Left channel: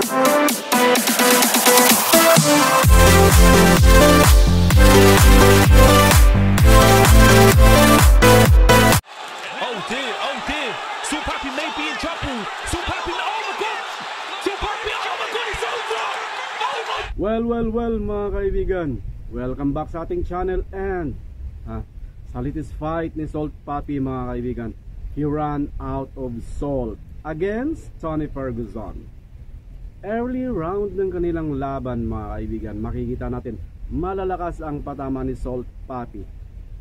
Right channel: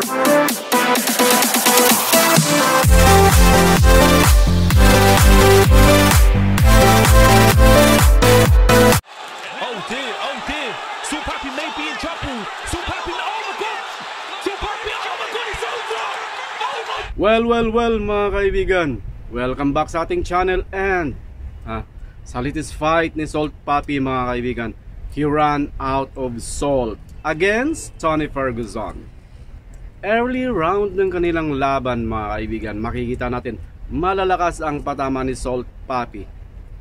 Oh dear, Salt Papi may be in trouble. Salt Papi, oh my god! Salt Papi, oh my god, it's over! Oh my... Well mga kaibigan, welcome back sa ating channel. And sa latest fight ni Salt Papi mga kaibigan, he ran out of salt against Tony Ferguson. Early round ng kanilang laban mga kaibigan, makikita natin malalakas ang patama ni Salt Papi,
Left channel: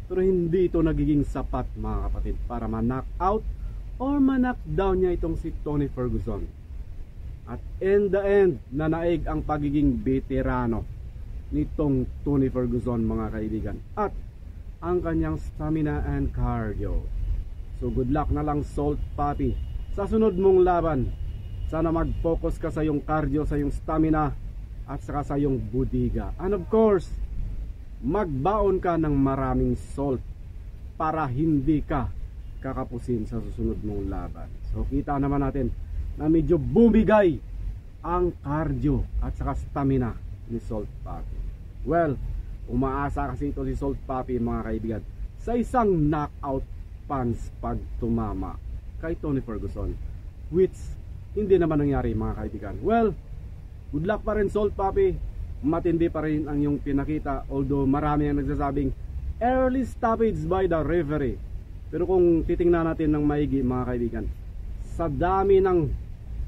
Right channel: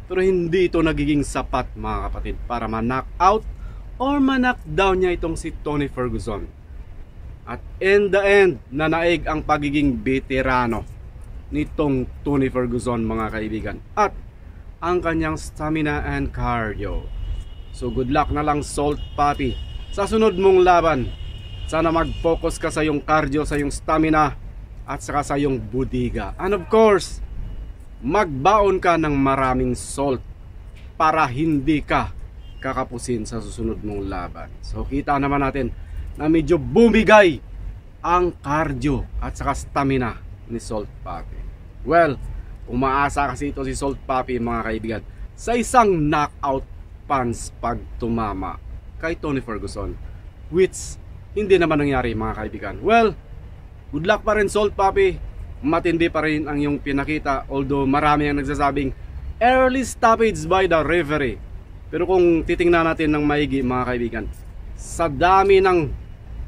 pero hindi ito nagiging sapat mga kapatid para ma-knock out or ma-knockdown niya itong si Tony Ferguson. At in the end, nanaig ang pagiging veterano nitong Tony Ferguson mga kaibigan, at ang kanyang stamina and cardio. So good luck na lang Salt Papi sa sunod mong laban. Sana mag-focus ka sa iyong cardio, sa iyong stamina, at saka sa iyong budiga. And of course, magbaon ka ng maraming salt para hindi ka kakapusin sa susunod mong laban. So kita naman natin na medyo bumigay ang cardio at saka stamina ni Salt Papi. Well, umaasa kasi ito si Salt Papi mga kaibigan sa isang knockout punch pag tumama kay Tony Ferguson, which hindi naman nangyari mga kaibigan. Well, good luck pa rin Salt Papi. Matindi pa rin ang iyong pinakita, although marami ang nagsasabing early stoppage by the referee. Pero kung titingnan natin ng maigi mga kaibigan, sa dami ng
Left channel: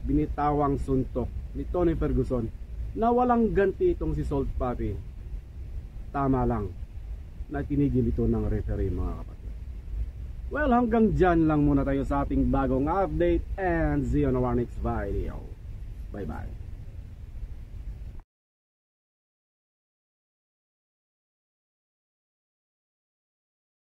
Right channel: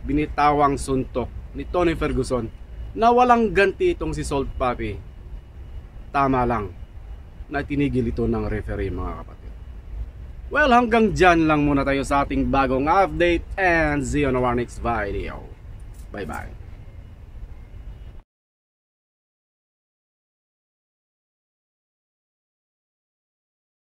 binitawang suntok ni Tony Ferguson na walang ganti itong si Salt Papi, tama lang na tinigil ito ng referee mga kapatid. Well, hanggang dyan lang muna tayo sa ating bagong update, and see you on our next video. Bye bye.